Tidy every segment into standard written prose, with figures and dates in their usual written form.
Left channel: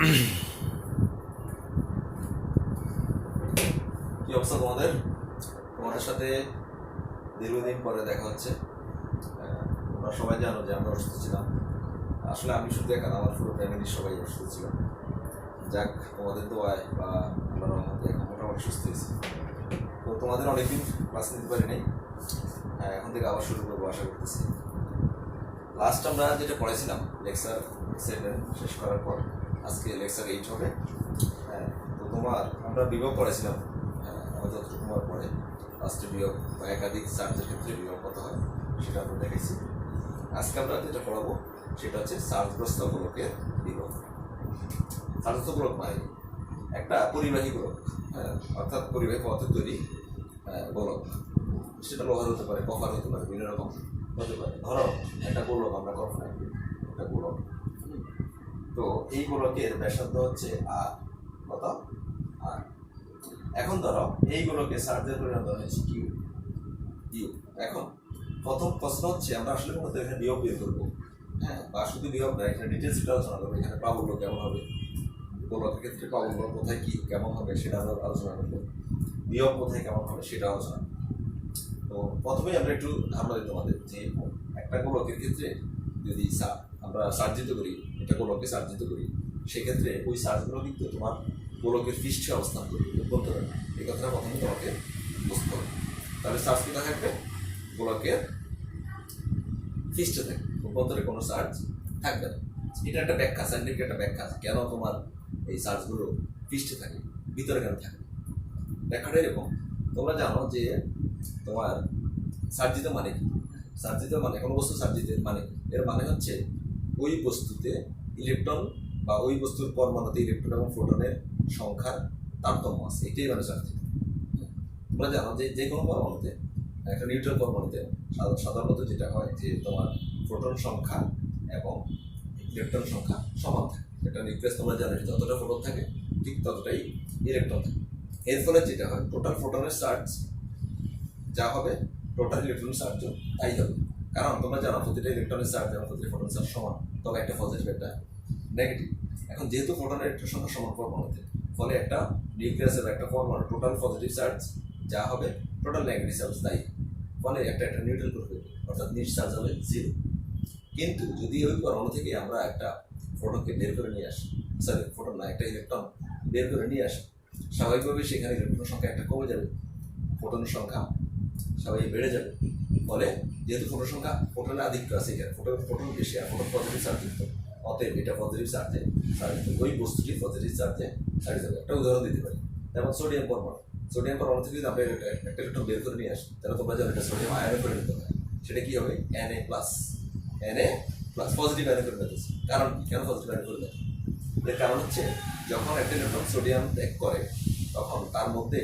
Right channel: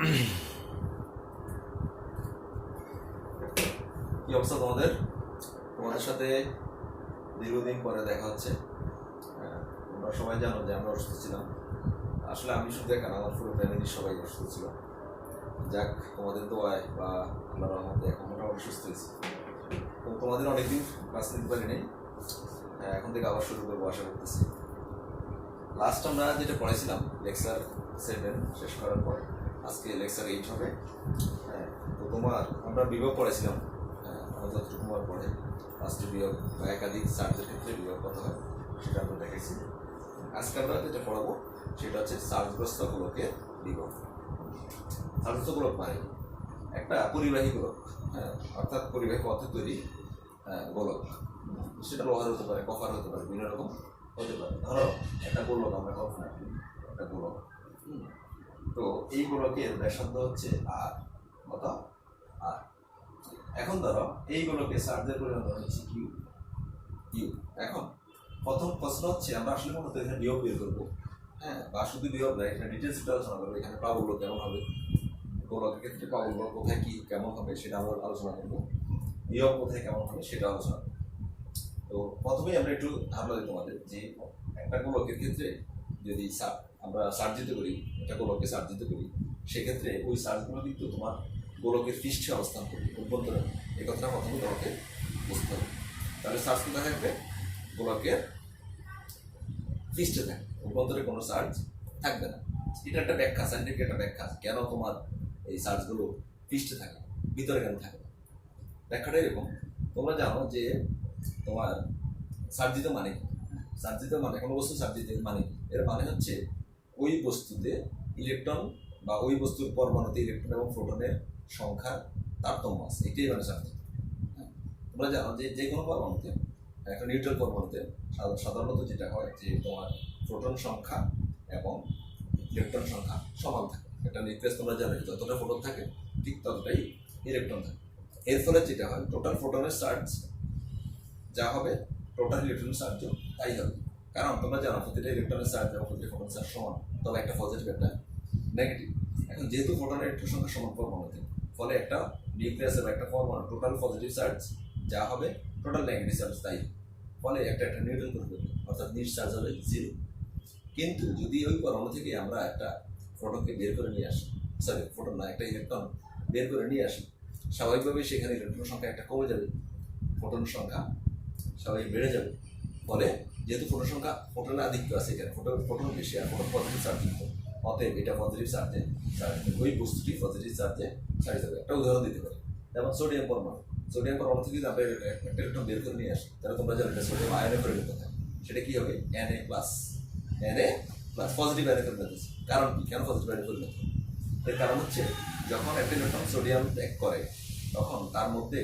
কি অবস্থা তোমাদের? তোমাদের সাথে দীর্ঘদিন পরে দেখা হচ্ছে। তোমরা সবাই জানো যে আমরা অসুস্থ ছিলাম। আসলে আমি শুধু একা না, আমার পুরো ফ্যামিলির সবাই অসুস্থ ছিল। যাক, তোমাদের দোয়ায় বা আল্লাহর রহমতে এখন মোটামুটি সুস্থ হয়েছি। তো তোমাদের অনেকদিন ক্লাস নিতে পারি নাই, এখন থেকে আবার শুরু করবো আশা করতেছি। লাস্ট আমরা যেটা পড়াইছিলাম লেকচার 7 শেষ করার পর আজকে লেকচার 8 হবে। তো আমরা বিভাগ পড়াইছিলাম, আমার যতটুকু আমার পড়ে লাস্টে বিভাগ বা একাধিক চার্জের ক্ষেত্রে বিভাগ কত হয় সেটা আমরা দেখাইছি। আজকে আমরা যেটা পড়াবো সেটা হচ্ছে চার্জগ্রস্ত গোলকের বিভাগ। চার্জগ্রস্ত গোলক মানে একটা পরিবাহী গোলক, অর্থাৎ পরিবাহী পথে তৈরি গোলক। সেটা লোহার হতে পারে, কপার হতে পারে, বিভিন্ন রকম হতে পারে। ধরো একটা গোলক আমরা কল্পনা করি, একটা গোলক। তো এই গোলকের ব্যাসার্ধ হচ্ছে আর কত আর। এখন ধরো এই গোলকে চার্জের পরিমাণ ধরা হচ্ছে কিউ ইউ। এখন প্রথম প্রশ্ন হচ্ছে আমরা আসলে মূলত এখানে বিয়োগ বের করবো, বা শুধু বিয়োগ না, এখানে ডিটেলস আলোচনা করবো। এখানে প্রাবল্য কেমন হবে, গোলকের ক্ষেত্রে প্রাবল্য কোথায় কি কেমন হবে সেটা আমরা আলোচনা করবো, বিয়োগ কোথায় কেমন হবে সেটা আলোচনা করবো। তো প্রথমেই আমরা একটু ধারণা দিই তোমাদের যে একটা গোলকের ক্ষেত্রে যদি আমরা সার্জিত করি, একটা গোলককে সার্জিত করি, সেক্ষেত্রে ওই চার্জগুলো কিন্তু তোমার গোলকের পৃষ্ঠে অবস্থান করবে, অভ্যন্তরে। এই কথাটা প্রথমে তোমাকে বুঝতে হবে। তাহলে চার্জ কোথায় থাকবে? গোলকের পৃষ্ঠে থাকবে, অভ্যন্তরে কোনো চার্জ থাকবে না। এটা একটা ব্যাখ্যা, সাইন্টিফিক একটা ব্যাখ্যা কেন তোমার এই চার্জগুলো পৃষ্ঠে থাকে, ভিতরে কেন থাকে। ব্যাখ্যাটা এরকম, তোমরা জানো যে তোমার সার্জিত মানে কি? সার্জিত মানে কোনো বস্তু সার্জিত মানে কি? এর মানে হচ্ছে ওই বস্তুতে ইলেকট্রন বা ওই বস্তুর পরমাণুতে ইলেকট্রন এবং প্রোটনের সংখ্যার তারতম্য আছে, এটাই মানে সার্জিত। তোমরা জানো যে যে কোনো পরমাণুতে, একটা নিউট্রাল পরমাণুতে সাধারণত যেটা হয় যে তোমার প্রোটন সংখ্যা এবং ইলেকট্রন সংখ্যা সমান থাকে। একটা নিউক্লিয়াস তোমরা জানো যতটা প্রোটন থাকে ঠিক ততটাই ইলেকট্রন থাকে। এর ফলে যেটা হয়, টোটাল প্রোটনের চার্জ যা হবে টোটাল ইলেকট্রনের চার্জও তাই হবে। কারণ তোমরা জানো প্রতিটা ইলেকট্রনের চার্জ এবং প্রতিটা প্রোটনের চার্জ সমান, তবে একটা পজিটিভ একটা নেগেটিভ। এখন যেহেতু প্রোটনের ইলেকট্রন সংখ্যা সমান পরমাণুতে, ফলে একটা নিউক্লিয়াসের একটা পরমাণু টোটাল পজিটিভ চার্জ যা হবে টোটাল নেগেটিভ চার্জ তাই, ফলে একটা নিউট্রাল করবে, অর্থাৎ নিট চার্জ হবে 0। কিন্তু যদি ওই পরমাণু থেকে আমরা একটা ফোটনকে বের করে নিয়ে আসি, ফোটন না, একটা ইলেকট্রন বের করে নিয়ে আসি, স্বাভাবিকভাবেই সেখানে ইলেকট্রন সংখ্যা একটা কমে যাবে, ফোটনের সংখ্যা স্বাভাবিক বেড়ে যাবে। ফলে যেহেতু ফোটনের আধিক্য আছে, এখানে ফোটন বেশি আর ফোটন পজিটিভ চার্জযুক্ত, অতএব এটা পজিটিভ চার্জে ওই বস্তুটি পজিটিভ চার্জে ছাড়িয়ে যাবে। একটা উদাহরণ দিতে পারি, যেমন সোডিয়াম পরমাণু থেকে যদি আমরা একটা ইলেকট্রন বের করে নিয়ে আসি, তাহলে তোমরা জানো এটা সোডিয়াম আয়নে পরিণত হয়। সেটা কি হবে? Na+, পজিটিভ আয়নে পরিণত হচ্ছে। কারণ কি? কেন পজিটিভ আয়নে পরিণত? এর কারণ হচ্ছে যখন একটা ইলেকট্রন সোডিয়াম ত্যাগ করে তখন তার মধ্যে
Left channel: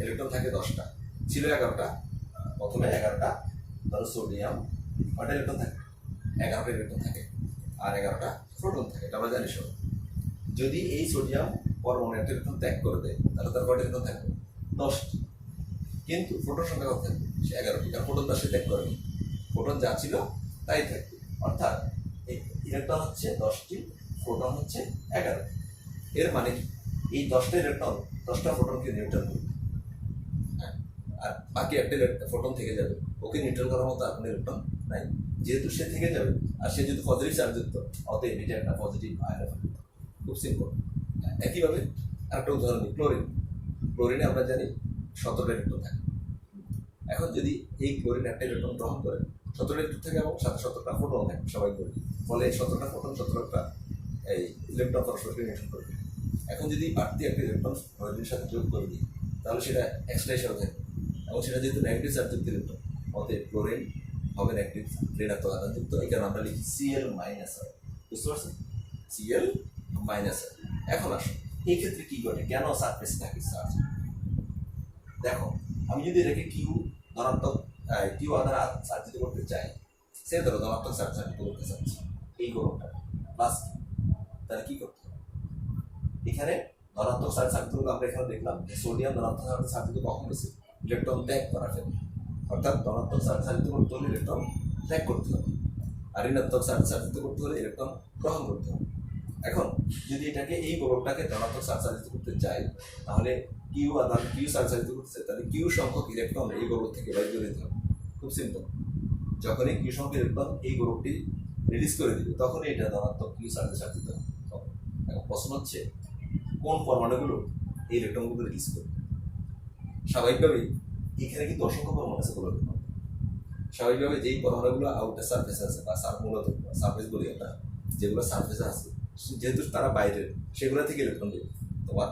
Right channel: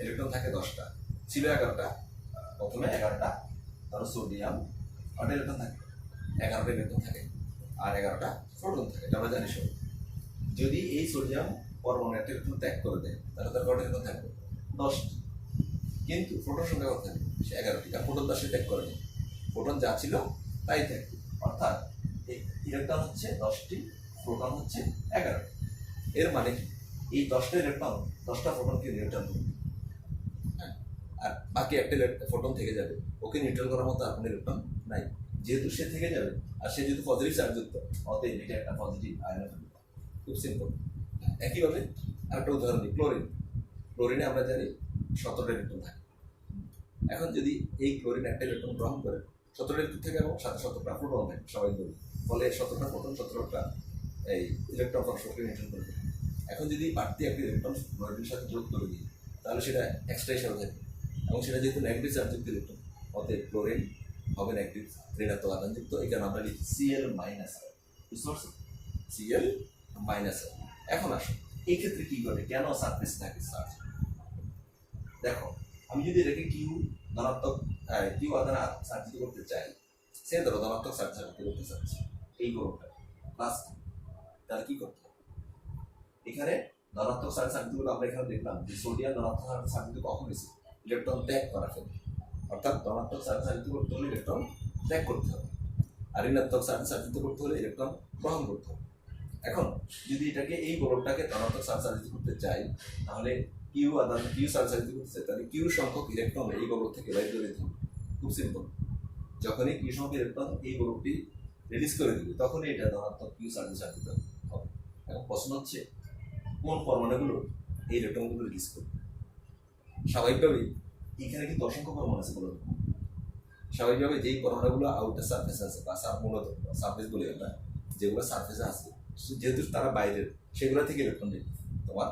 ইলেকট্রন থাকে 10টা, ছিল 11টা। প্রথমে 11টা ধরো সোডিয়াম কয়টা ইলেকট্রন থাকে? 11টা ইলেকট্রন থাকে, আর 11টা প্রোটন থাকে, এটা আমরা জানি সব। যদি এই সোডিয়াম পরমাণু একটা ইলেকট্রন ত্যাগ করে দেয়, তাহলে তার কয়টা ইলেকট্রন থাকবে? 10টি। কিন্তু প্রোটন সংখ্যা কত থাকবে? সে 11টি, কারণ প্রোটন তার সে ত্যাগ করেনি, প্রোটন যা ছিল তাই থাকবে। অর্থাৎ ইলেকট্রন হচ্ছে 10টি, প্রোটন হচ্ছে 11টি। এর মানে কি? এই 10টা ইলেকট্রন 10টা প্রোটনকে নিউট্রাল করবে, আর বাকি একটা ফোটন থেকে যাবে, ওকে নিউট্রাল করার মতো আর কোনো ইলেকট্রন নাই। যেহেতু সে থেকে যাবে আর সে যেহেতু পজিটিভ চার্জযুক্ত, অতএব এটা একটা পজিটিভ আয়ন হবে। খুব সিম্পল। একইভাবে আরেকটা উদাহরণ দিই, ক্লোরিনে আমরা জানি 17টা ইলেকট্রন থাকে। এখন যদি এই ক্লোরিন একটা ইলেকট্রন গ্রহণ করে, 17টা ইলেকট্রন থাকে এবং সাথে 17টা প্রোটন থাকে সবাই বলি, ফলে 17টা প্রোটন 17টা এই ইলেকট্রন পরস্পরকে নিউট্রাল করে দেবে। এখন যদি বাড়তি একটা ইলেকট্রন ক্লোরিনের সাথে যোগ করে দিই, তাহলে সেটা এক্সট্রা হিসাবে থাকবে, এবং সেটা যেহেতু নেগেটিভ চার্জযুক্ত ইলেকট্রন, অতএব ক্লোরিন হবে নেগেটিভ ঋণাত্মক আধানযুক্ত। এই কারণে আমরা লিখি Cl-। বুঝতে পারছেন? Cl-। এখন আসো এই ক্ষেত্রে কি ঘটে, কেন সারফেসে থাকে চার্জ? দেখো, আমি যদি এটাকে ধনাত্মক কিউ আধানে চার্জিত করতে চাই, সে ধরো ধনাত্মক চার্জ করতে চাচ্ছি এই গোলকটা প্লাস, তাহলে কি করতে হবে? এখানে ধনাত্মক চার্জ সার্কিটগুলো আমরা এখানে দেখলাম যে সোডিয়াম ধনাত্মক সার্কিট কখন হয়েছে? ইলেকট্রন ত্যাগ করার ফলে। অর্থাৎ ধনাত্মক চার্জ সার্কিট করতে হলে ইলেকট্রন ত্যাগ করতে হবে, আর ঋণাত্মক চার্জ সার্কিট করতে হলে ইলেকট্রন গ্রহণ করতে হবে। এখন যদি এটাকে এই গোলকটাকে ধনাত্মক চার্জ চালিত করতে চাই, তাহলে কিউ আধান কিউ চার্জ চালিত করতে চাই, তাহলে কিউ সংখ্যক ইলেকট্রন এই গোলক থেকে বাইর করে দিতে হবে। খুব সিম্পল। যখনই কিউ সংখ্যক ইলেকট্রন এই গোলকটি রিলিজ করে দিবে, তখনই এটা ধনাত্মক কিউ চার্জে চালিত হবে। এখন প্রশ্ন হচ্ছে কোন পরমাণুগুলো এই ইলেকট্রনগুলো রিলিজ করবে। স্বাভাবিকভাবেই এখানে কিন্তু অসংখ্য পরমাণু আছে গোলকের মধ্যে। স্বাভাবিকভাবে যেই পরমাণুগুলো আউটার সারফেসে আছে বা মূলত সারফেস বলি আমরা, যেগুলো সারফেসে আছে, যেহেতু তারা বাইরের, সেগুলো থেকে ইলেকট্রন তোমার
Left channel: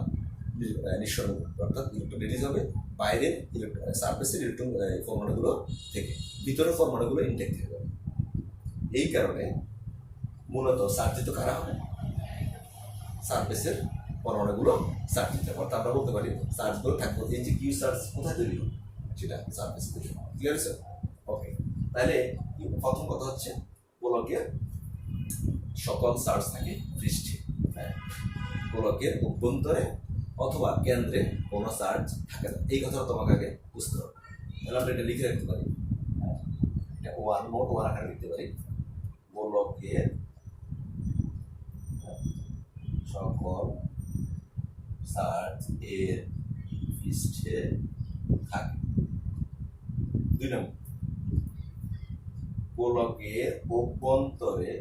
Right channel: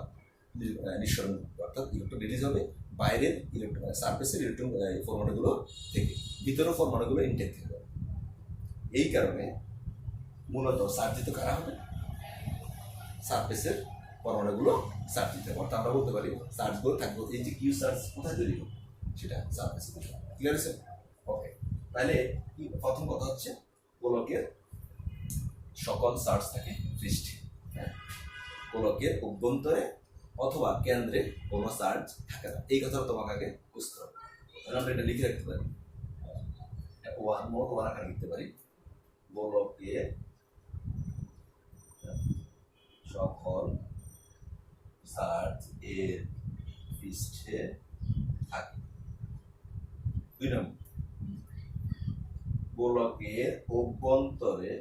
নিঃসরণ, অর্থাৎ ইলেকট্রন রিলিজ হবে বাইরের ইলেকট্রন সারফেসের ইলেকট্রন পরমাণুগুলো থেকে, ভিতরের পরমাণুগুলো ইনটেক থেকে যাবে। এই কারণে মূলত সার্জিত কারা হবে? সারফেসের পরমাণুগুলো চার্জ দিতে হবে। অর্থাৎ আমরা বলতে পারি চার্জগুলো থাকবে, এই যে কিউ চার্জ কোথায় তৈরি হবে, সেটা সারফেসে তৈরি হবে। ক্লিয়ার হয়েছে? ওকে, তাহলে প্রথম কথা হচ্ছে গোলকের সকল চার্জ থাকে পৃষ্ঠে। হ্যাঁ, গোলকের অভ্যন্তরে অথবা কেন্দ্রে কোনো চার্জ থাকে না, এই কথা তোমাকে আগে বুঝতে হবে। তাহলে আমরা এটা লিখে রাখতে পারি, এটা ওয়ান মোট ওয়ান আকারে লিখতে পারি। গোলকের সকল চার্জ এর পৃষ্ঠে থাকে। 2 নম্বর, গোলকের অভ্যন্তরে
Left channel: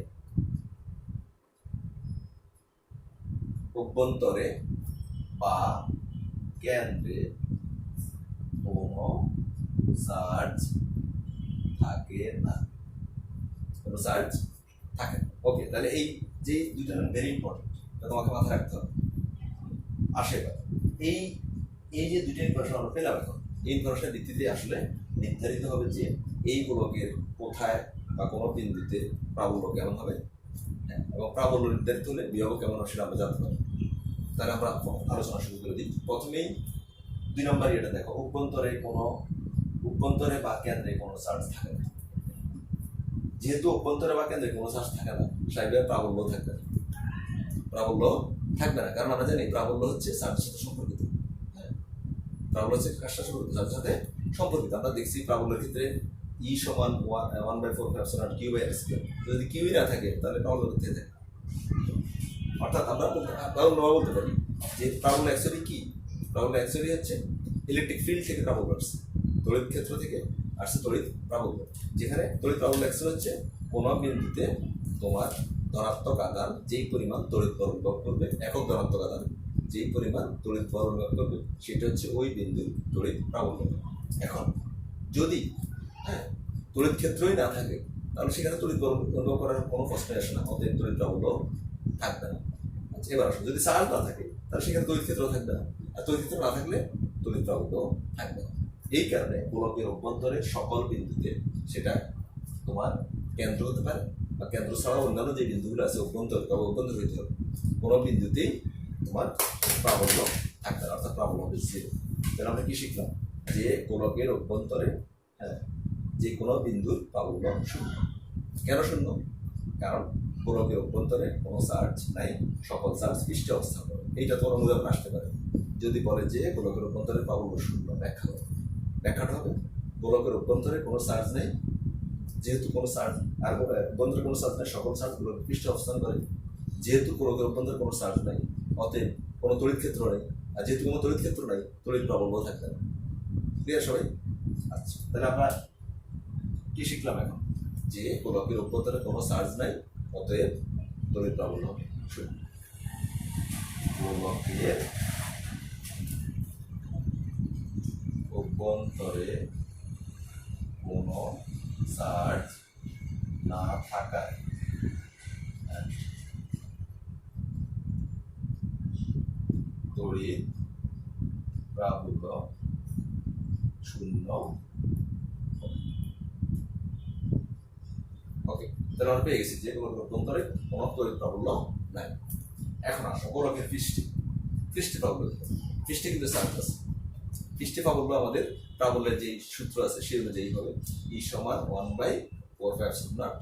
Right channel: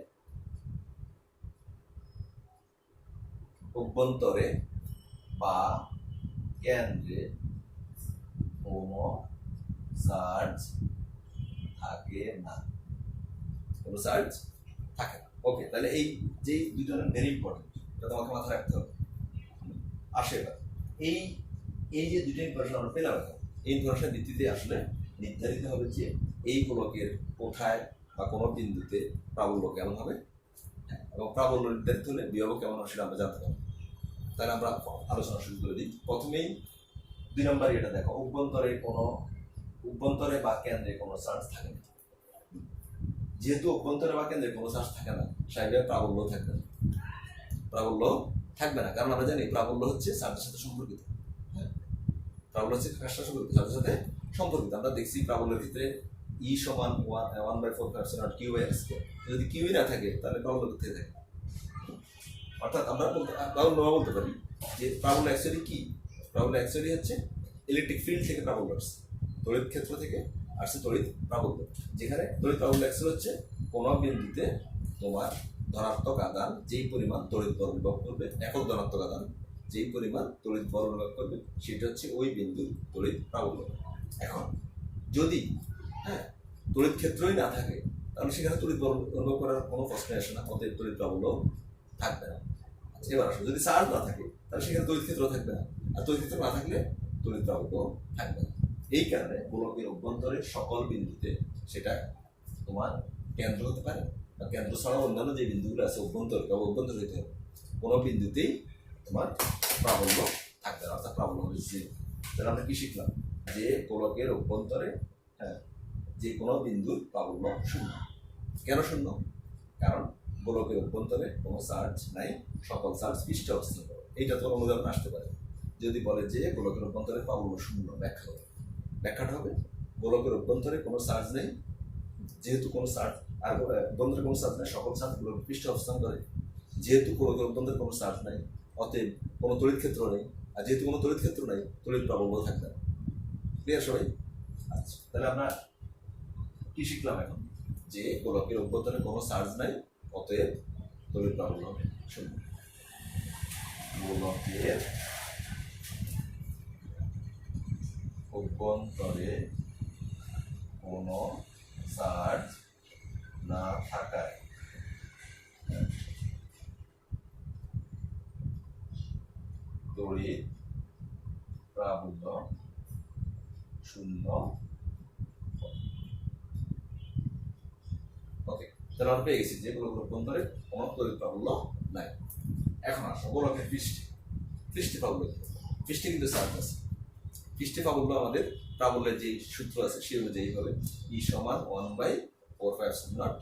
বা কেন্দ্রে কোনো চার্জ থাকে না, কোনো চার্জ থাকে না। ওকে, তাহলে এই যে দুটো ভেরি ইম্পর্টেন্ট, এটা তোমাকে মাথায় রাখতে হবে। আসে এই এই যে দুটো ইনফরমেশন আমরা পেলাম, এখন এই ইনফরমেশনের ভিত্তিতে আসলে নির্ধারিত হবে যে এই গোলকের কোথায় বা কোনো বিন্দুতে প্রাবল্য কেমন হবে, এবং প্রাবল্য নির্ধারিত হলে বিভব কেমন হবে সেটা আমরা জানতে পারি। তাহলে আমরা আলোচনা শুরু করে দিই। প্রথমেই 2 নম্বর এটা দেখো, অভ্যন্তরে বা কেন্দ্রে কোনো চার্জ থাকে না। যেহেতু অভ্যন্তরে বা কেন্দ্রে কোনো চার্জ থাকে না, স্বাভাবিকভাবে প্রাবল্য থাকবে না। প্রাবল্য থাকবে না, কারণ আমরা জানি প্রাবল্য হচ্ছে চার্জের সাথে সম্পর্কিত। হ্যাঁ, প্রাবল্য হচ্ছে চার্জের সাথে সম্পর্কিত। আমরা দেখছি প্রাবল্যের ক্ষেত্রে ই সমান 1/4 কিউ বাই আর স্কয়ার। যদি কিউই না থাকে তাহলে প্রাবল্য কোথায় থাকে? অর্থাৎ আমরা বলতে পারি যে প্রাবল্য অ্যাকচুয়ালি কি? প্রাবল্য অ্যাকচুয়ালি হচ্ছে ইলেকট্রিক ফিল্ড থেকে প্রাবল্য আসছে, তড়িৎ ক্ষেত্র থেকে আসছে তড়িৎ প্রাবল্য। যেখানে তড়িৎ প্রাবল্য অ্যাকচুয়ালি হচ্ছে কোনো বিন্দুতে তোমার ধনাত্মক আধান যেই পরিমাণ তড়িৎ বল অনুভব করবে, একক ধনাত্মক আধান যেই পরিমাণ তড়িৎ বল অনুভব করবে, সেটা হচ্ছে ওই বিন্দুর তড়িৎ প্রাবল্য। এখন যদি তড়িৎ ক্ষেত্রই না থাকে, তাহলে সেখানে তড়িৎ বল অনুভব করার কোনো প্রশ্নই আসে না, অতএব তড়িৎ প্রাবল্য থাকবে না। আচ্ছা, এবার আসলে যদি চার্জ না থাকে, তাহলে সেখানে তড়িৎ ক্ষেত্র থাকবে না, আর তড়িৎ ক্ষেত্র না থাকলে তড়িৎ প্রাবল্য থাকবে না। এই কারণে গোলকের অভ্যন্তরের সকল বিন্দুতে, সেটা তোমার কেন্দ্র হতে পারে বা কেন্দ্র ছাড়াও অন্যান্য যে বিন্দুগুলো আছে অভ্যন্তর হইতে হবে, কোনো বিন্দুতেই তোমার প্রাবল্য থাকবে না, অর্থাৎ প্রাবল্য হবে 0। তাহলে আমরা কি শিখলাম? যে গোলকের অভ্যন্তরে যে কোনো বিন্দুর প্রাবল্য 0। কেন 0? কারণ গোলকের অভ্যন্তরে কোনো চার্জ নাই, সকল চার্জ পৃষ্ঠে অবস্থান করে। এইটা তোমার উদাহরণ আসতে পারে। যদি বলে যে গোলকের অভ্যন্তরে প্রাবল্য 0, ব্যাখ্যাটা হবে গোলকের অভ্যন্তরে কোনো চার্জ নেই, যেহেতু কোনো চার্জ আর অভ্যন্তরে কোনো চার্জ নাই, সকল চার্জ গোলকের পৃষ্ঠে অবস্থান করে। যেহেতু গোলকের অভ্যন্তরে কোনো চার্জ নাই, অতএব কোনো তড়িৎ ক্ষেত্র নেই, আর যেহেতু কোনো তড়িৎ ক্ষেত্র নাই, তড়িৎ প্রাবল্য থাকবে না। ক্লিয়ার সবাই? আচ্ছা, তাহলে আমরা কি শিখলাম এখন? যে গোলকের অভ্যন্তরে কোনো চার্জ নাই, অতএব তড়িৎ প্রাবল্য হবে 0। গোলকের অভ্যন্তরে কোনো চার্জ না থাকায় তড়িৎ প্রাবল্য 0। ওকে, তাহলে আমরা পেয়ে গেছি যে গোলকের অভ্যন্তরে কোনো তড়িৎ প্রাবল্য নাই। এখন আসো গোলকের পৃষ্ঠে প্রাবল্য। পৃষ্ঠে কিন্তু চার্জ আছে। পৃষ্ঠে প্রাবল্য আমাদের প্রাবল্যের যে সূত্র আছে সেই অনুযায়ী হবে ই সমান 1/4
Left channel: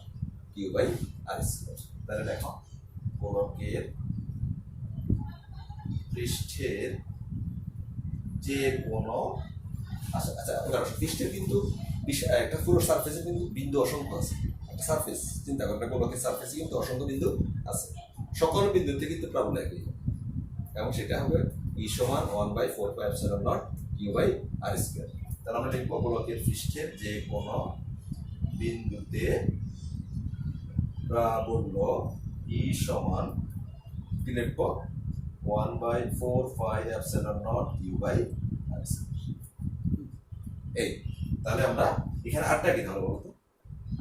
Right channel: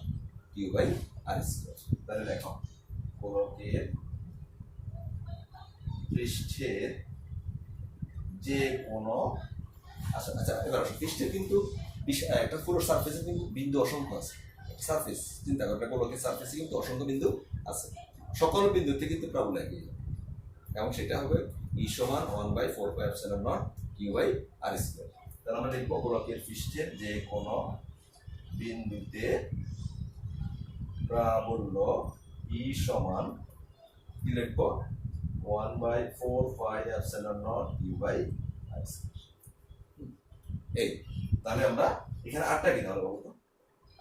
কিউ বাই আর স্কয়ার। তাহলে দেখো গোলকের পৃষ্ঠের যে কোনো এবার পৃষ্ঠের কিন্তু একটা পুরো সারফেসে কিন্তু বিন্দু অসংখ্য আছে। একটা সারফেস চিন্তা করো, একটা গোলকের সারফেসে কিন্তু অসংখ্য বিন্দু আছে। সকল বিন্দুতে কিন্তু প্রাবল্য একই হবে, এবং সেটা হবে ই সমান 1/4πε0 কিউ বাই আর স্কয়ার। তাহলে আমরা লিখব গোলকের পৃষ্ঠের যে কোনো বিন্দুতে প্রাবল্য ই সমান কি লিখব 1/4πε0 কিউ বাই আর স্কয়ার। এই তাহলে আমরা এখানে আটটা কি তাহলে বলতো,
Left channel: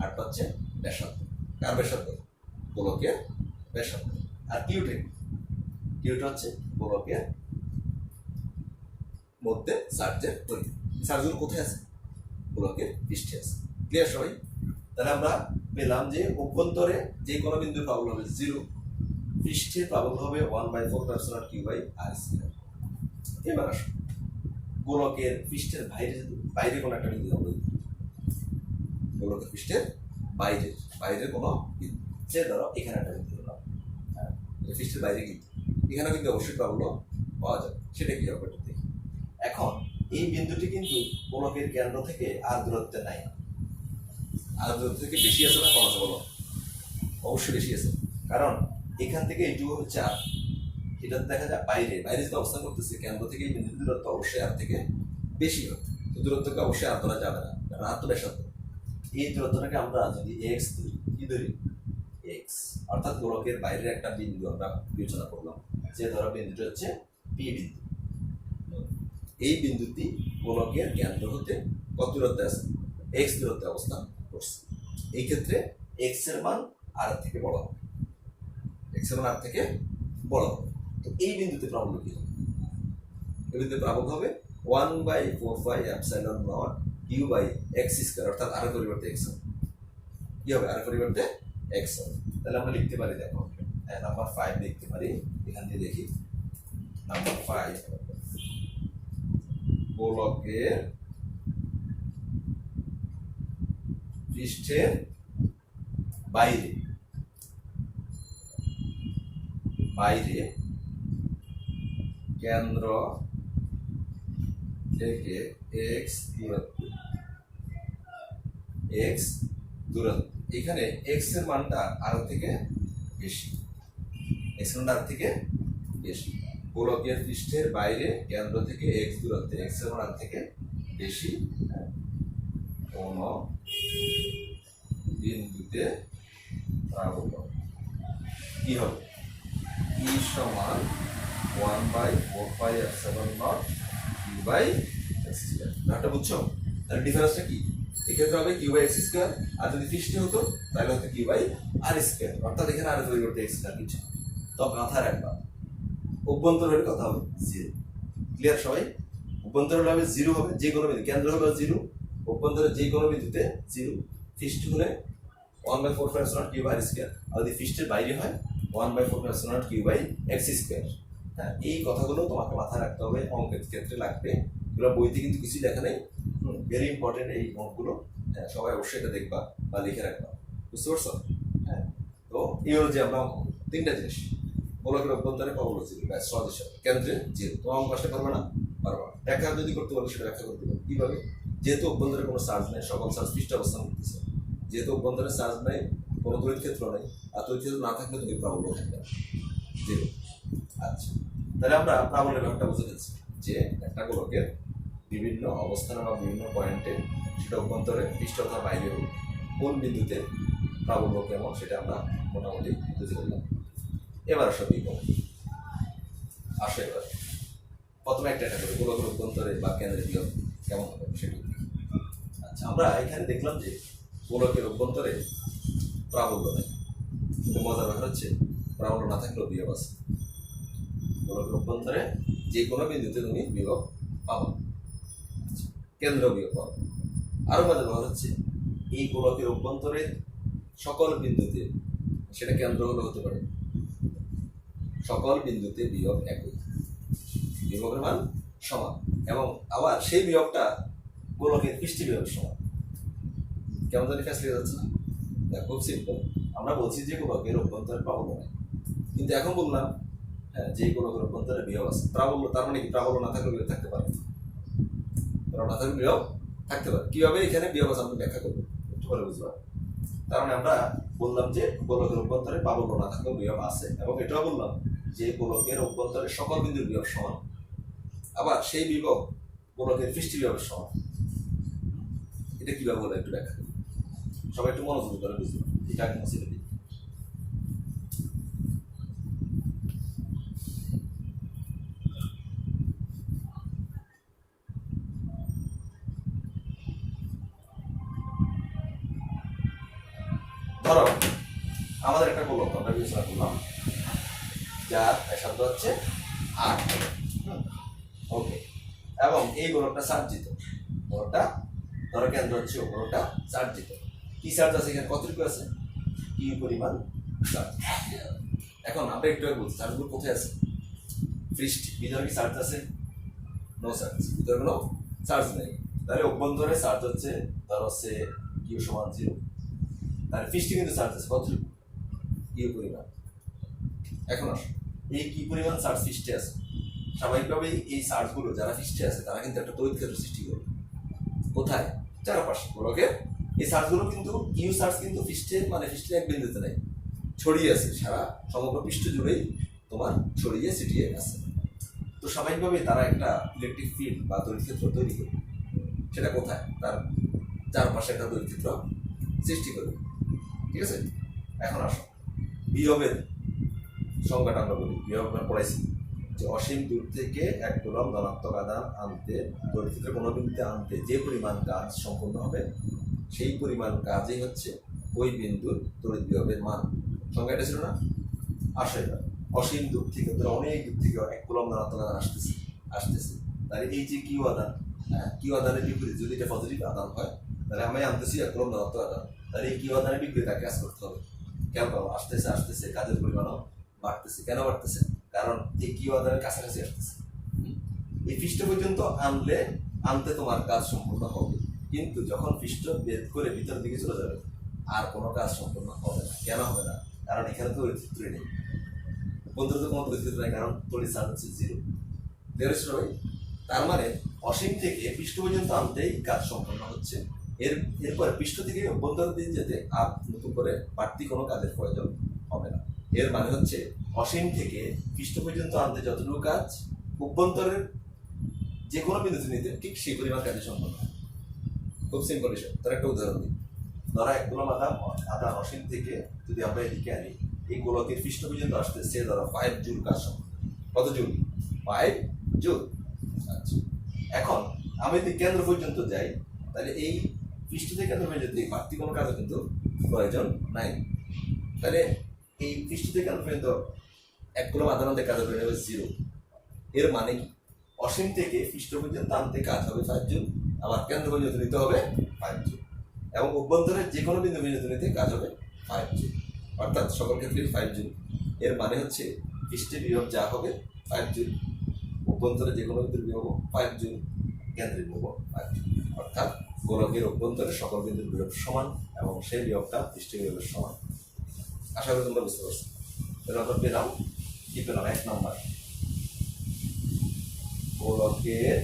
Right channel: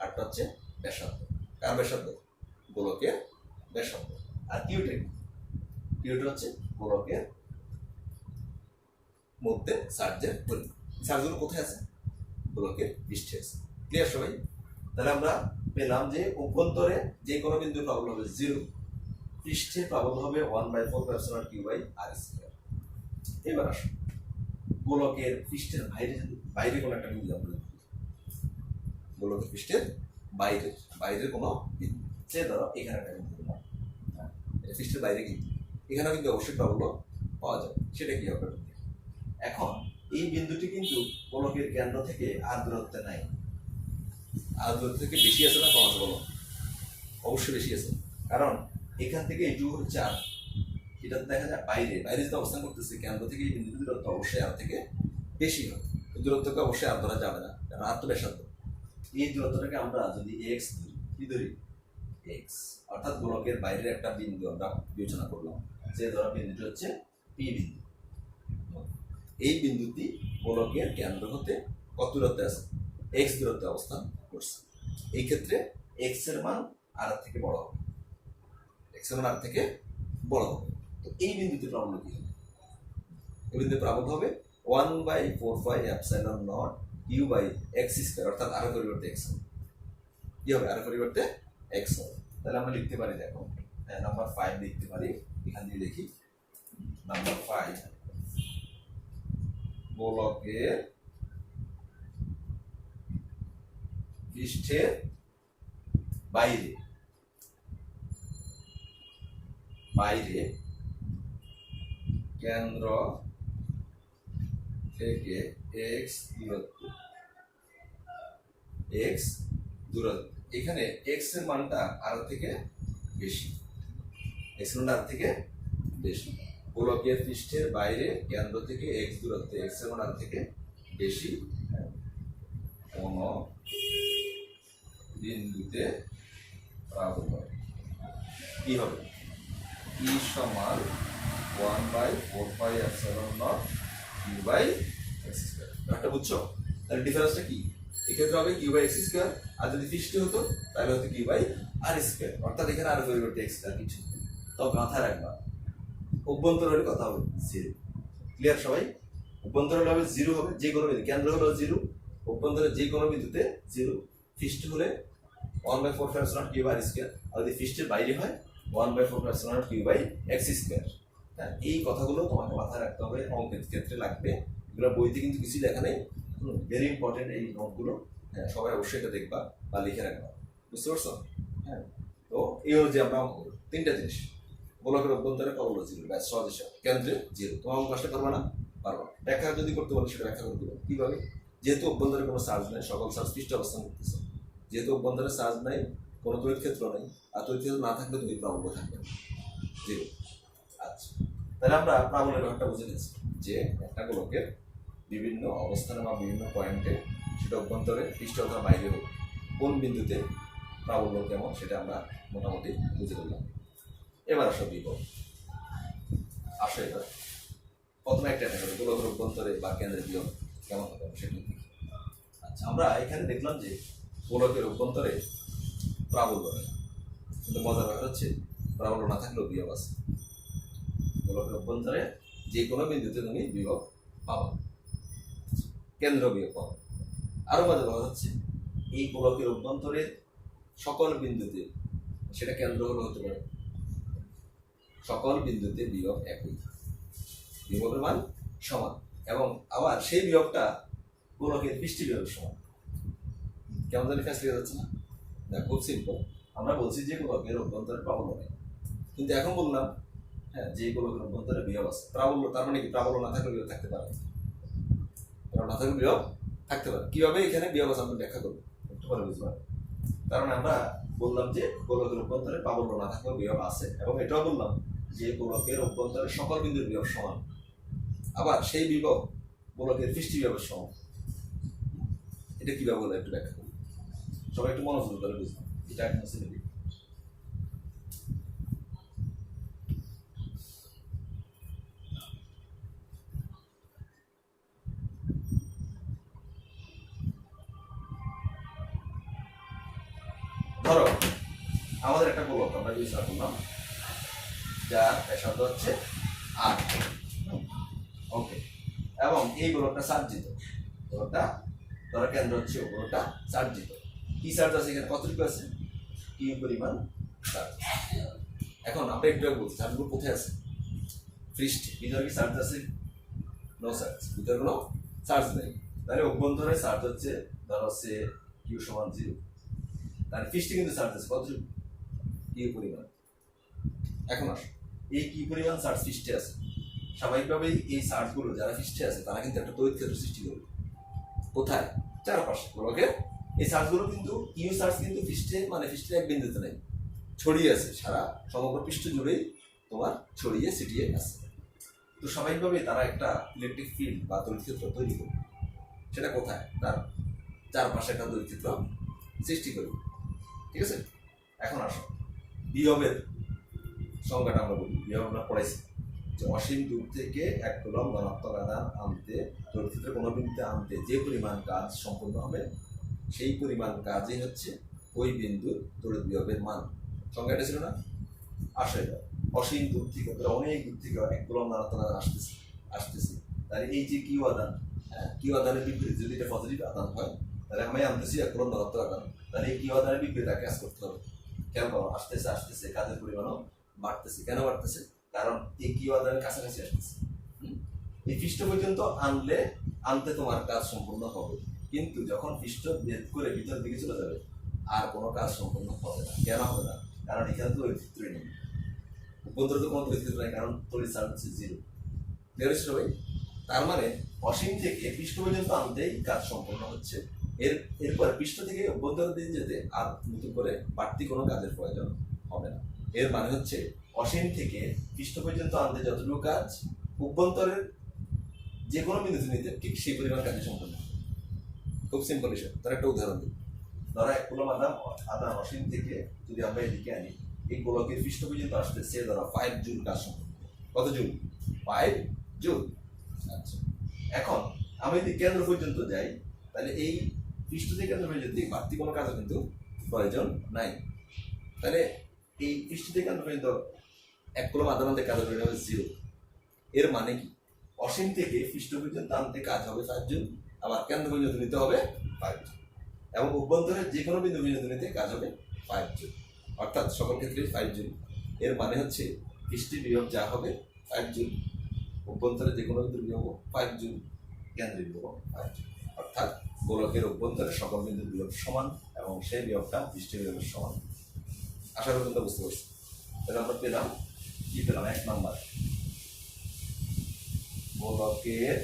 আটটা হচ্ছে ব্যাসার্ধ। কার ব্যাসার্ধ? গোলকের ব্যাসার্ধ। আর কিউটা হচ্ছে গোলকের মধ্যে চার্জের পরিমাণ। চার্জগুলো কোথায় আছে? গোলকের পৃষ্ঠে আছে। ক্লিয়ার সবাই? তাহলে আমরা পেলাম যে অভ্যন্তরে যে কোনো বিন্দুর প্রাবল্য হবে 0, পৃষ্ঠে প্রাবল্য হবে 1/4πε0 কিউ বাই আর স্কয়ার। এবার আসুন গোলকের পৃষ্ঠের বাইরে কোনো একটা বিন্দু আমরা গোলকের পৃষ্ঠের বাইরের কোনো বিন্দু, সে ধরো এখানে একটা বিন্দু দিলাম, হ্যাঁ, এটা পৃষ্ঠের বাইরে কিন্তু এখানেও কিন্তু অবশ্যই প্রাবল্য পাওয়া যাবে। সেটা কি হবে একটু দেখি। এখন এই বিন্দুটি কিন্তু গোলকের কেন্দ্র থেকে আর দূরত্বে নাই। আর দূরত্ব থেকে বেশি আছে না কম আছে বলো? অবশ্যই বেশি আছে, কারণ এখান থেকে এইটুকু হচ্ছে আর, এটা দেখা যায় বাইরে যেটা অবস্থান করতেছে কেন্দ্র থেকে এই বিন্দুর দূরত্ব অবশ্যই আর থেকে বেশি হবে। দূরত্বকে অবশ্যই আর ধরা যাবে না, কারণ আর তো ব্যাসার্ধ। এই দূরত্বটাকে আমরা যদি এক্স ধরি, কি ধরি? এক্স, অর্থাৎ গোলকের বাইরের একটা বিন্দু আমরা বিবেচনা করলাম, যে ধরো বিন্দুটি হচ্ছে পি বিন্দু। এই বিন্দুটি গোলকের কেন্দ্র হতে কত দূরত্বে আছে? এক্স দূরত্বে অবস্থান করছে। এই ক্ষেত্রে এক্স এর মান আর থেকে বড় হবে, এক্স এর মান আর থেকে বড় হবে। তো এই বিন্দুতে প্রাবল্য কি হবে? এই বিন্দুতে প্রাবল্য হবে 1/4πε0 কিউ বাই এক্স স্কয়ার, অর্থাৎ আর পরিবর্তে এক্স হবে। কি হবে? আর পরিবর্তে এক্স হবে। তাহলে আমরা লিখতে পারি, দেখো নাম্বার 5 লিখতে পারি। এখান দিয়ে দেখি নাম্বার 5, গোলকের পৃষ্ঠের বাইরে কেন্দ্র থেকে এক্স দূরত্ব, এখানে এক্স এর মানটা আর থেকে বেশি, গোলকের পৃষ্ঠের বাইরে কেন্দ্র থেকে এক্স দূরত্বে এক্স এর মান আর থেকে বেশি কোন বিন্দুতে প্রাবল্য কি হবে? ই সমান 1/4πε0 কিউ বাই এক্স স্কয়ার। ব্যাপারটা বুঝছো? তাহলে ডিফারেন্সটা কি? এক্ষেত্রে হবে কিউ বাই এক্স স্কয়ার, আর যদি পৃষ্ঠে হতো তাহলে হতো কিউ বাই আর স্কয়ার, অর্থাৎ এখানে আর পরিবর্তে এক্স স্কয়ার কিছু। তো মাথায় রাখবা অভ্যন্তর হলে কথা হবে 0। ক্লিয়ার সবাই? অভ্যন্তর হলে হবে 0 হবে, যে কোনো বিন্দু কেন্দ্র হলো 0, অভ্যন্তরে যে কোনো বিন্দুতে 0, পৃষ্ঠ হলে 1/4πε0 কিউ বাই আর স্কয়ার, আর যদি পৃষ্ঠের বাইরে হয় 1/4πε0 কিউ বাই এক্স স্কয়ার। হ্যাঁ, এই কথাগুলো তোমাকে মাথায় রাখতে হবে, অঙ্কের ক্ষেত্রে লাগবে। এগুলো বইতে কিন্তু কিছু লেখা নেই, ভেরি ইম্পর্টেন্ট এই নোটগুলো। হ্যাঁ, সবাই অবশ্যই এটা দেখবা বা লিখে রাখবা, বুঝতে পারছো? হ্যাঁ, তো এই হলো যে আমরা অঙ্ক করবো 3টা জিনিস। গোলকের অভ্যন্তরে প্রাবল্য 0, ব্যাস সহজ হিসাব। কেন্দ্রে 0, তোমার অঙ্ক আসতে পারবে না? পারবা। ব্যাখ্যা যদি করতে পারো সেটা ব্যাখ্যা করতে পারো কিভাবে? যেহেতু অভ্যন্তরে কোনো চার্জ নাই, সকল চার্জ পৃষ্ঠে অবস্থান করতেছে, যেহেতু অভ্যন্তরে চার্জ নাই, কোনো তড়িৎ ক্ষেত্র নাই, আর তড়িৎ ক্ষেত্র না থাকলে তুমি প্রাবল্য থাকবে 0। আচ্ছা, তাহলে আমরা প্রাবল্যের ব্যাপারটা বুঝে গেছি যে একটা গোলকের বিভিন্ন অবস্থানে বা বিভিন্ন পয়েন্টে, সেটা অভ্যন্তরে পৃষ্ঠ অথবা বাইরে হোক, কোন বিন্দুতে প্রাবল্য কেমন সেটা আমরা মোটামুটি বুঝে ফেললাম। এবার আসো বিভব। আসো এবার প্রথমে একটা করে গোলকের অভ্যন্তরে বা কেন্দ্রের বিভব কেমন হবে সেটা দেখি। আচ্ছা, আমরা এখানে দেখলাম যে গোলকের অভ্যন্তরে প্রাবল্য নেই, কিন্তু মজার ব্যাপার হচ্ছে প্রাবল্য না থাকলেও বিভব আছে। গোলকের অভ্যন্তরে যে কোনো বিন্দুতে তুমি বিভব পাবা, কেন্দ্র বিভব পাবা। আরো মজার ব্যাপার হচ্ছে এই গোলকের অভ্যন্তরে সকল বিন্দুতে, সেটা কেন্দ্র হলে হতে পারে, সকল বিন্দুতে বিভব একই, বিভবের মান সমান, এবং আবার সেই বিভবটা গোলকের পৃষ্ঠ বিভবের সমান। কেমন জানি কাজ লেগে যাচ্ছে না? দেখো, খুব সিম্পল। আমরা বলছি যে গোলকের অভ্যন্তরে প্রাবল্য নেই, কিন্তু এখন বললাম হ্যাঁ যে গোলকের অভ্যন্তরে বিভব আছে। প্রাবল্য তার মানে কি? প্রাবল্য না থাকলে বিভব থাকতে পারে, প্রাবল্য না থাকলে বিভব থাকতে পারে। কিভাবে এখানে বিভব আছে আমরা ব্যাখ্যা করবো, একটু পরে বুঝবা। কারণ আমরা বললাম যে গোলকের অভ্যন্তরে প্রাবল্য না থাকলেও বিভব আছে, এবং এটাও বললাম যে গোলকের অভ্যন্তরে সকল বিন্দুর বিভব সমান, আবার সেই বিভব গোলকের পৃষ্ঠ বিভবের সমান। এটা কিভাবে বলে একটু ব্যাখ্যা করি, সবাই একটু মনোযোগ করে বুঝবো। এটা একদম মুছে দিই। ধরো আমাদের একটা গোলক আমরা বিবেচনা করলাম যার ব্যাসার্ধ হচ্ছে 8, ওকে, এবং এই গোলকটা চার্জিত, গোলকটা ধরো কেন্দ্র হচ্ছে ও, গোলকটা চার্জিত। কি চার্জ আছে এখানে, কতটুকু আছে, কিউ পরিমাণ চার্জ। এখন আমরা একটু আগে বলছি চার্জগুলো কোথায় আছে, পৃষ্ঠে। ভিতরে কি চার্জ আছে, নো চার্জ, ভিতরে কোনো চার্জ নেই। তাহলে অভ্যন্তরে চার্জ হচ্ছে ধরো হচ্ছে কিউ সমান 0, তাহলে পৃষ্ঠে কিন্তু চার্জ আছে কতটুকু, কিউ পরিমাণ। এখন আসো এই কি পরিমাণ চার্জ পৃষ্ঠে আছে, স্বাভাবিকভাবেই এই চার্জগুলো যারা পৃষ্ঠে আছে তারা কিন্তু একটা তড়িৎ ক্ষেত্র সৃষ্টি করবে। কোথায়, চারপাশে গোলকের। এই চার্জগুলো কিন্তু কিউ চার্জ কিন্তু পৃষ্ঠে মানে পৃষ্ঠের এক বিন্দুতে নেই, ছড়িয়ে আছে সারা সমগ্র পৃষ্ঠ জুড়েই তোমার ছড়িয়ে ছিটিয়ে আছে। তো স্বাভাবিকভাবেই তারা একটা ইলেকট্রিক ফিল্ড বা তড়িৎ ক্ষেত্র তৈরি করবে। সেটা কোথায়, তার চারপাশে একটা তড়িৎ ক্ষেত্র সৃষ্টি করবে, ঠিক আছে। এখন আসো বিভবের সংজ্ঞাটা আমরা বলি। বিভব আমরা পড়াইছি যে অসীম দূর থেকে এক কুলম্ব ধনাত্মক আধান আনতে, তড়িৎ ক্ষেত্রে কোনো বিন্দুতে আনতে যে পরিমাণ কাজ সম্পূর্ণ হবে সেই পরিমাণ কাজই হচ্ছে ওই বিন্দুর তড়িৎ বিভবের মান। সংজ্ঞাটা ছিল না। আসো এবার অসীম দূর থেকে, অনেক দূর থেকে এক কুলম্ব ধনাত্মক আধান আসতেছে, তাহলে এই যে কিউ আধান, কিউ আধানের বিপরীত যদি এটা পজিটিভ আধান হয় তাহলে আমি আনতেছি এক কুলম্ব ধনাত্মক আধান, তাহলে এই কিউ আধানের বিপরীত কাজ করতে হবে। কেন, আসতেছে আসতেছে কাজের পরিমাণও বাড়তেছে। কেন বাড়তেছে, কারণ এই কিউ আধানের কাছাকাছি আসতেছে। এই পৃষ্ঠ পর্যন্ত আনতে তোমার কাজ সম্পূর্ণ হবে, কিন্তু যখন পৃষ্ঠ ভেদ করে ভিতরের দিকে চলে যাবে আর কোনো কাজ সম্পূর্ণ হবে না। কেন হবে না, কারণ এখানে তো তড়িৎক্ষেত্রই নেই, অভ্যন্তরে তো কোনো তড়িৎক্ষেত্র নেই, কারণ তড়িৎ চার্জ হচ্ছে 0। বেরোচ্ছে ভাই। তার মানে অসীম থেকে পৃষ্ঠ পর্যন্ত আনতেই কাজ সম্পূর্ণ হচ্ছে, এরপর পৃষ্ঠ থেকে অভ্যন্তর দিয়ে যেতে আর নতুন করে বাড়তি কোনো কাজের প্রয়োজন হবে না। এর মানে হচ্ছে অসীম থেকে পৃষ্ঠ পর্যন্ত আনতে যতটুকু কাজ অভ্যন্তরের যে কোনো বিন্দুতে নিতে ঠিক সেই পরিমাণ কাজে সম্পন্ন হয়। খুব সিম্পল বিষয়। তার একটা উদাহরণ দিই। ধরা এক কুলম্ব আধান অসীম থেকে যদি আমরা এদিকে আনি, এই গোলকের পৃষ্ঠ পর্যন্ত আসতে সে ধরা 5 জুল কাজ সম্পন্ন। কত জুল, 5 জুল। আচ্ছা, এখন আমি যদি কেন্দ্র পর্যন্ত যাই তাহলে এই পৃষ্ঠ থেকে কেন্দ্র পর্যন্ত বাড়তি কোনো কাজও কিন্তু প্রয়োজন নাই। তাহলে এই পৃষ্ঠ থেকে কেন্দ্র পর্যন্ত এক কুলম্ব আধান আনতে কাজ হবে 0। এর মানে কি, অসীম থেকে পৃষ্ঠ পর্যন্ত আনতে কাজ হবে 5 জুল, আবার কেন্দ্র পর্যন্ত নিতে হবে 5 জুল, এবং অভ্যন্তরের যে কোনো বিন্দু পর্যন্ত নিতে কাজ হবে 5 জুল, অর্থাৎ সকল ক্ষেত্রে 5 জুল। এর মানে হচ্ছে পৃষ্ঠে বিভব যা হবে 5 জুল, অভ্যন্তরে যে কোনো বিন্দুর বিভব 5 জুল, কেন্দ্রের বিভব 5 জুল, অর্থাৎ গোলকের অভ্যন্তরে সকল বিন্দুর বিভব সমান এবং সেই বিভবটা পৃষ্ঠের বিভবের সমান। আশা করি তোমরা বুঝতে পারছো। তাহলে আমরা পেলাম কি, পেলাম 1 নম্বর গোলকের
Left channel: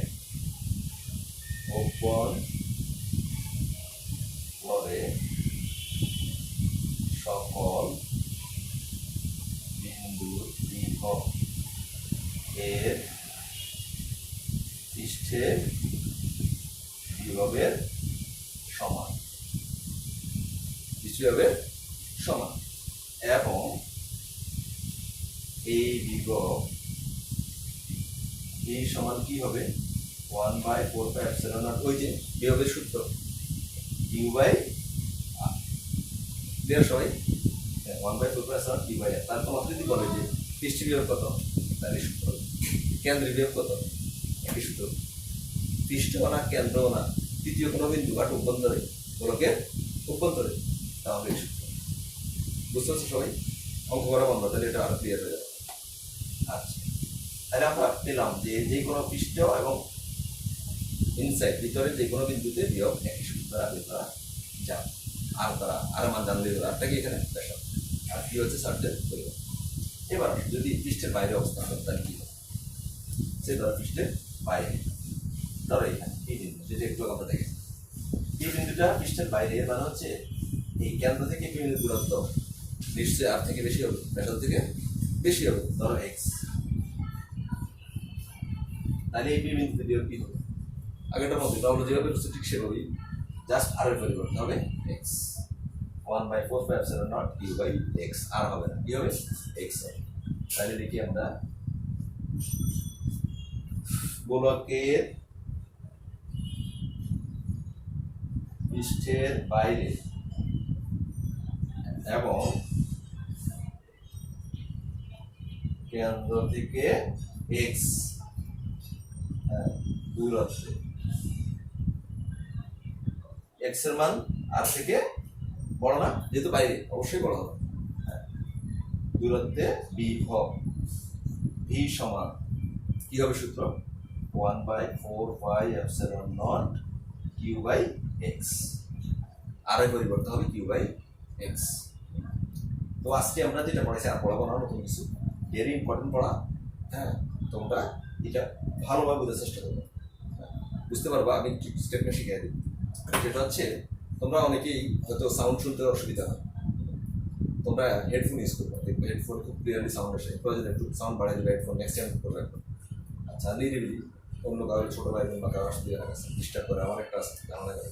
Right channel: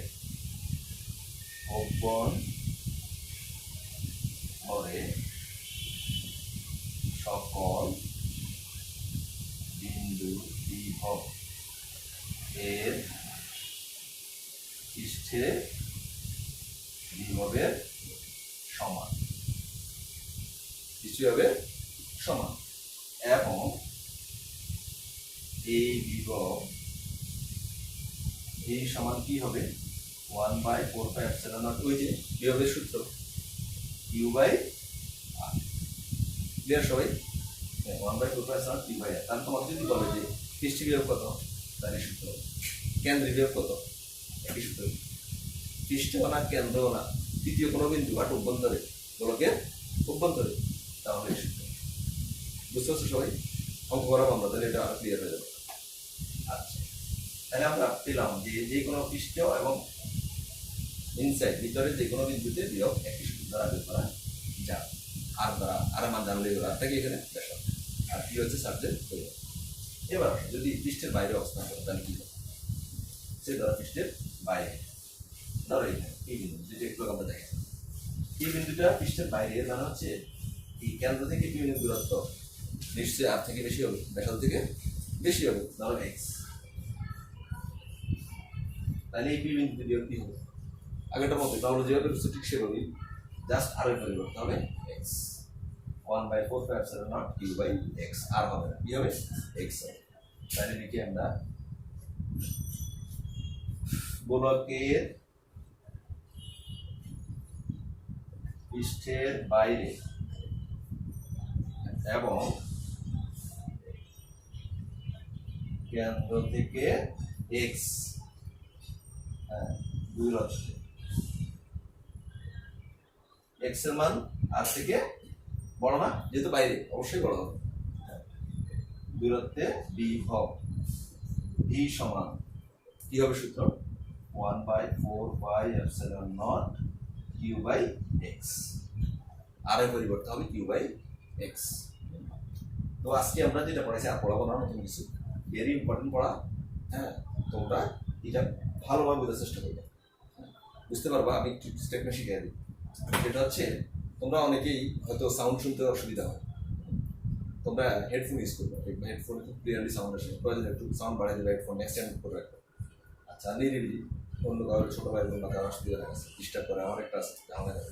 অভ্যন্তরে সকল বিন্দুর বিভব এর পৃষ্ঠের বিভবের সমান, পৃষ্ঠের বিভবের সমান, এবং এই বিভব এই সমান কি হবে 1/4πε0, ওই যে বিভবের সূত্র q/r। ক্লিয়ার সবাই? 1/4πε0 q/r। তাহলে তোমাকে যদি বলে যে পৃষ্ঠ বিভব কত, তাহলে সূত্র। কেন্দ্রের বিভব কত, একই সূত্র। পৃষ্ঠ না কেন্দ্র না তৃতীয় কোনো বিন্দু বাট অভ্যন্তরে, গোলকের অভ্যন্তরে, তাহলে এই সূত্র। বুঝতে পারছো সবাই? অঙ্ক করা বন্ধ, তাহলে এটা আরো ক্লিয়ার হয়ে যাবে। আচ্ছা, তাহলে আমরা পেলাম যে কোনো পৃষ্ঠ এবং ইনসাইড ভিতরে যে কোনো বিন্দুতে বিভব একই সূত্র দ্বারা বের করা যায়। আর দ্বারা আর মান জানলেই হলো, আরটা কি এখানে ব্যাসার্ধ, আর কি হচ্ছে চার্জের পরিমাণ। এবার যদি পৃষ্ঠের বাইরে অবস্থান করে তাহলে কি হবে, সে ধরো পৃষ্ঠের বাইরে, ধরো এখানে এই বিন্দু যেটা একটু আমরা দেখি, এই বিন্দুটা পৃষ্ঠের বাইরে, এর মানে হচ্ছে এই কেন্দ্র থেকে পি বিন্দুর দূরত্ব নিশ্চয়ই আর থেকে বেশি হবে, ব্যাসার্ধ থেকে বেশি হবে, ধরো এক্স। তাহলে এই পি বিন্দুতে বিয়োগ কি হবে? আগেটার মধ্যে তাহলে যেভাবে করছো ঠিক সেভাবেই, জাস্ট আর এর পরিবর্তন হবে এক্স। 1/4πε0 কিউ বাই এক্স, আর হবে না, কি হবে? এক্স হবে। তাহলে দেখি আমরা গোলকের পৃষ্ঠের বাইরে এবং কেন্দ্র থেকে এক্স দূরত্বে, এক্স এর মান আর থেকে বড় না, যেহেতু বাইরে অবশ্যই বড় হবে, দূরত্বে বিভব ভি সমান কি হবে সূত্র? 1/4πε0 কিউ বাই এক্স, আর এর পরিবর্তন হবে কিউ বাই এক্স। তো আজকে আমরা যেটা পড়াইছি আর পড়াবো না, নতুন কিছু, ভেরি ইম্পর্টেন্ট পড়া। হ্যাঁ, তোমরা এটা ভালোভাবে বোঝার চেষ্টা করবে, বুঝতে পারবা। আমি একটু স্টেপটা শিখিয়ে দিই। যেটা হচ্ছে, তোমরা অনেকেই হয়তো সাউন্ড শুনতে অসুবিধা হয়, তোমরা হেডফোন ইউজ করবে, দেখবে হেডফোনে খুব ক্লিয়ারলি সাউন্ড আসে। প্রয়োজন একটু সাউন্ড বাড়িয়ে দেবে, হেডফোন এক্সটেন্ড করে রাখবে। আচ্ছা, নিরিবিলি অন্য কারোর ছোটো ভাই বোন বা কারোর আসতে ডিস্টার্ব করে, আমার একটা আছে ধারণা করে।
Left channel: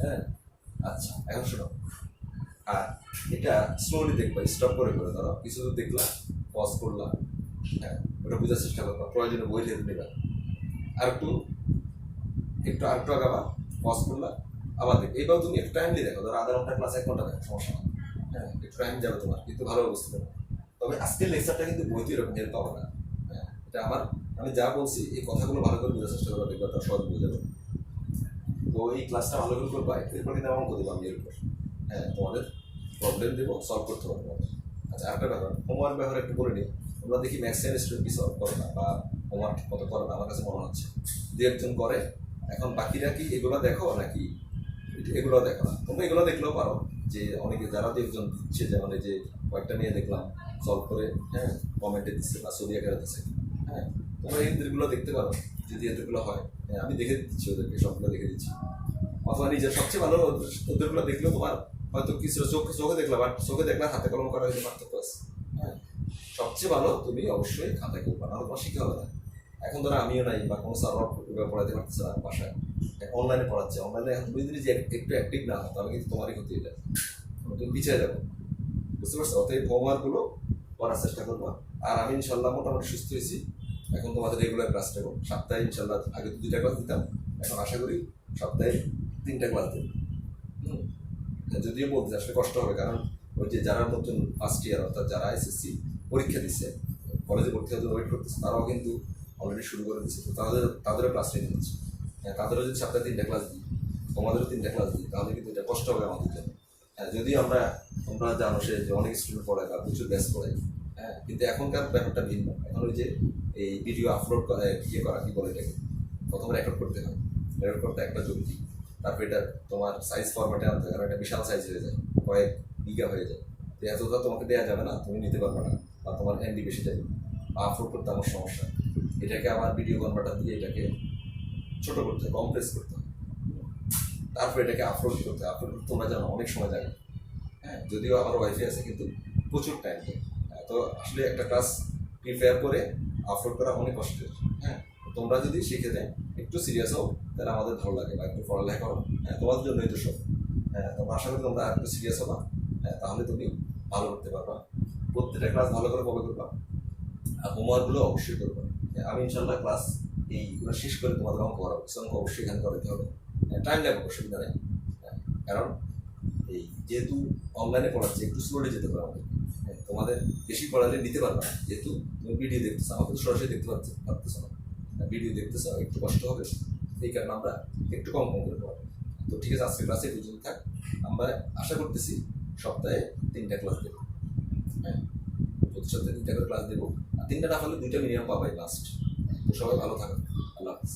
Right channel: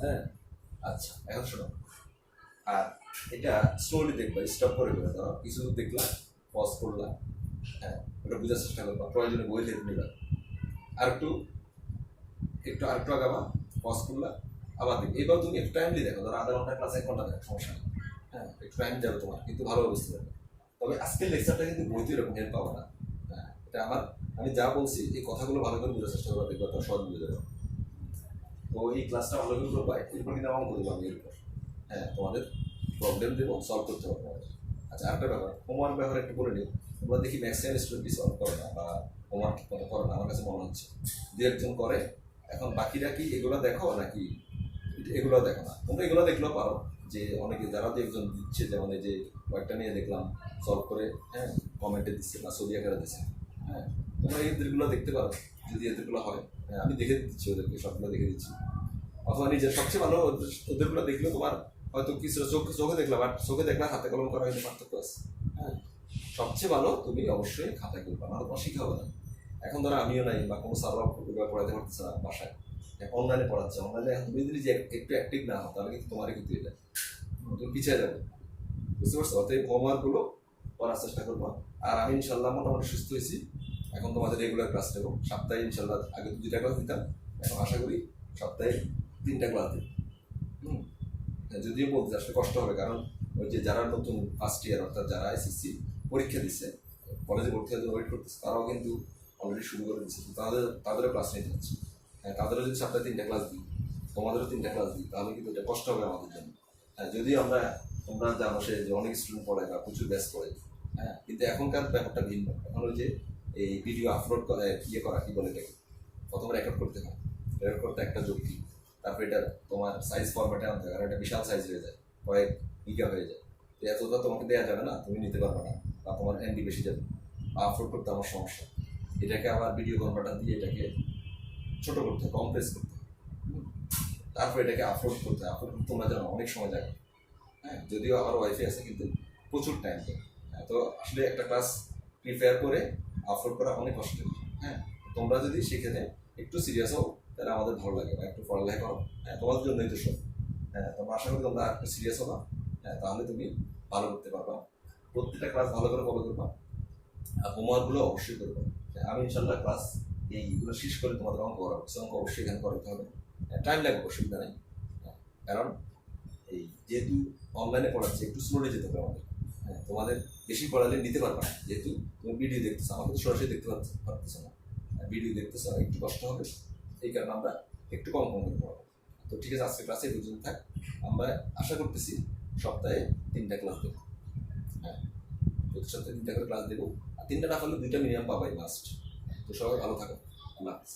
হ্যাঁ, আচ্ছা, এখন শোনো। আর এটা স্লোলি দেখবা, স্টপ করে করে ধরো, কিছু দূর দেখলা, পজ করলা, হ্যাঁ, ওটা বোঝার চেষ্টা করবা, প্রয়োজনে বই লেখে নিবা, আর একটু আগাবা, পজ করলা, আবার দেখবে। এবার তুমি একটু টাইমলি দেখো, ধরো আধা ঘন্টা ক্লাস 1 ঘন্টা দেখো, সমস্যা নেই। হ্যাঁ, একটু টাইম যাবে তোমার, কিন্তু ভালোভাবে বুঝতে পারবে। তবে আজকের লেকচারটা কিন্তু বইতে এরকম হেল্প পাবো না। হ্যাঁ, এটা আমি যা বলছি এই কথাগুলো ভালো করে বোঝার চেষ্টা করবো, দেখবা তার সহজ বুঝে যাবে। তো এই ক্লাসটা ভালো করে করবা, এরপর কিন্তু আমার অঙ্ক দেবো আমি এর উপর। হ্যাঁ, তোমাদের প্রবলেম দেবো, সলভ করতে পারবো। আচ্ছা, আরেকটা ব্যাপার, হোমওয়ার্ক ব্যাপারে একটু বলে নিই। তোমরা দেখি ম্যাক্সিমাম স্টুডেন্ট কি সলভ করে না বা হোমওয়ার্ক ঠিক মতো করে না, আমার কাছে মনে হচ্ছে। দু একজন করে, এখন বাকিরা কি এগুলো দেখো নাকি এগুলো দেখো না? তোমরা এগুলো দেখলেও পারো, যে অনেকে যারা দু একজন দিচ্ছে, যেমন এই যে কয়েকটা মেয়ে দেখলাম সলভ করে, হ্যাঁ, কমেন্টে দিচ্ছে বা ছবি আকারে দিচ্ছে। হ্যাঁ, তোমরা এদেরগুলো দেখতে পারো, যদি এদেরগুলো হয়। হ্যাঁ, আমি দেখে দিচ্ছি ওদেরকে, সবগুলো দেখে দিচ্ছি। অথবা নিজের সবচেয়ে ভালো ওদেরগুলো দেখলেও তোমার হয়তো কিছু চোখে দেখলা, বাট চোখে দেখলা হাতে কলম করা হয়তো পার্থক্য আছে। হ্যাঁ, সবচেয়ে ভালো তুমি অবশ্যই খাতায় করবা, নাহলে তোমার শিখে হবে না। এখন ধরো আমিও নাই বা কোনো সার্ভার পড়াতে পারতেছে না বাসায়, অনলাইনে পড়াচ্ছে। অনলাইনে এখন তুমি যদি একটু অ্যাক্টিভ না হও, তাহলে কিন্তু তোমারই ক্ষতি হয়ে যায়, তুমি পিছিয়ে যাবে। বুঝতে পারছো? অতএব হোমওয়ার্কগুলো করার চেষ্টা করবা। আর আমি ইনশাল্লাহ মোটামুটি সুস্থ হয়েছি, এখন তোমাদের রেগুলার ক্লাস নেবো। সপ্তাহে ইনশাল্লাহ, আগে 2টা ক্লাস দিতাম, এখন আশা করি সপ্তাহে 3টা ক্লাস দেব। যদিও বলতে আসলে কষ্ট হবে, কারণ ওই যে যারা নতুন ফার্স্ট ইয়ার, অর্থাৎ যারা এসএসসি পরীক্ষা দিচ্ছে, কলেজে ভর্তি হতে ওয়েট করতেছে, তারাও কিন্তু অলরেডি শুরু করে দিচ্ছে। তো তাদেরও ক্লাস নিতে হচ্ছে। হ্যাঁ, তাদেরও যদি সপ্তাহে 3টা ক্লাস দিই, তোমাদেরও 3টা ক্লাস দিই, তাহলে কিন্তু এটা কষ্ট হবে আমাদের জন্য। হ্যাঁ, যদিও তোমরা জানো সে যে অনেক স্টুডেন্ট পড়ে বা প্রচুর ব্যাচ পড়ে। হ্যাঁ, কিন্তু এখনকার ব্যাপারটা ভিন্ন। এখন ওই যে এই ভিডিও আপলোড করা, করা কি বলে এটাকে, প্রথমে রেকর্ড করতে হয়, রেকর্ড করতে একটা যুক্তি, তারপর এটা তোমার সাইজ ফরম্যাটে আনতে হয়, কারণ এটা বিশাল সাইজ হয়ে যায়, কয়েক গিগা হয়ে যায়। তো এতটা তোমাকে দেওয়া যাবে না, তুমি নিতে পারবে না, বা তোমার এমবি বেশি যাবে, বা আপলোড করতে আমার সমস্যা। এটাকে আবার ভিডিও কনভার্টার দিয়ে এটাকে ছোট করতে হয়, কমপ্রেস করতে হয়, তারপর এটাকে আপলোড করতে তোমরা জানো অনেক সময় লাগে। হ্যাঁ, যদিও আমার ওয়াইফাই আছে, কিন্তু প্রচুর টাইম দেয়। তো আসলে একটা ক্লাস প্রিপেয়ার করে আপলোড করা অনেক কষ্টের। হ্যাঁ, তোমরা যদি শিখে দেয় একটু সিরিয়াস হও, তাহলে আমাদের ভালো লাগে, বা একটু পড়ালেখা করো। হ্যাঁ, তোমাদের জন্যই তো সব। হ্যাঁ, তোমরা আশা করি তোমরা একটু সিরিয়াস হবা। হ্যাঁ, তাহলে তুমি ভালো করতে পারবা, প্রত্যেকটা ক্লাস ভালো করে ফলো করবা, আর হোমওয়ার্কগুলো অবশ্যই করবা। আমি ইনশাল্লাহ ক্লাস এইগুলো শেষ করে তোমাদের অঙ্ক করাবো, কিছু অঙ্ক অবশ্যই এখানে করাতে হবে। টাইম লাগবে, অসুবিধা নেই। কারণ এই যেহেতু অনলাইনে পড়াচ্ছে, একটু স্লোলি যেতে পারো আমাদের। হ্যাঁ, তোমাদের বেশি পড়ালে নিতে পারবে না, যেহেতু তুমি ভিডিও দেখতেছো, আমাকে তো সরাসরি দেখতে পারতেছো না, ভিডিও দেখতেছো, একটু কষ্ট হবে। এই কারণে আমরা একটু কম করে পড়াবো। তো ঠিক আছে, আজকে ক্লাসে পর্যন্ত থাক। আমরা আশা করতেছি সপ্তাহে 3টা ক্লাস দেবো। হ্যাঁ, প্রতি সপ্তাহে 3টা করে ক্লাস দেবো, আর 3টা না পারলে 2টা মিনিমাম পাবাই মাস্ট। তো সবাই ভালো থাকো, আল্লাহ হাফিজ।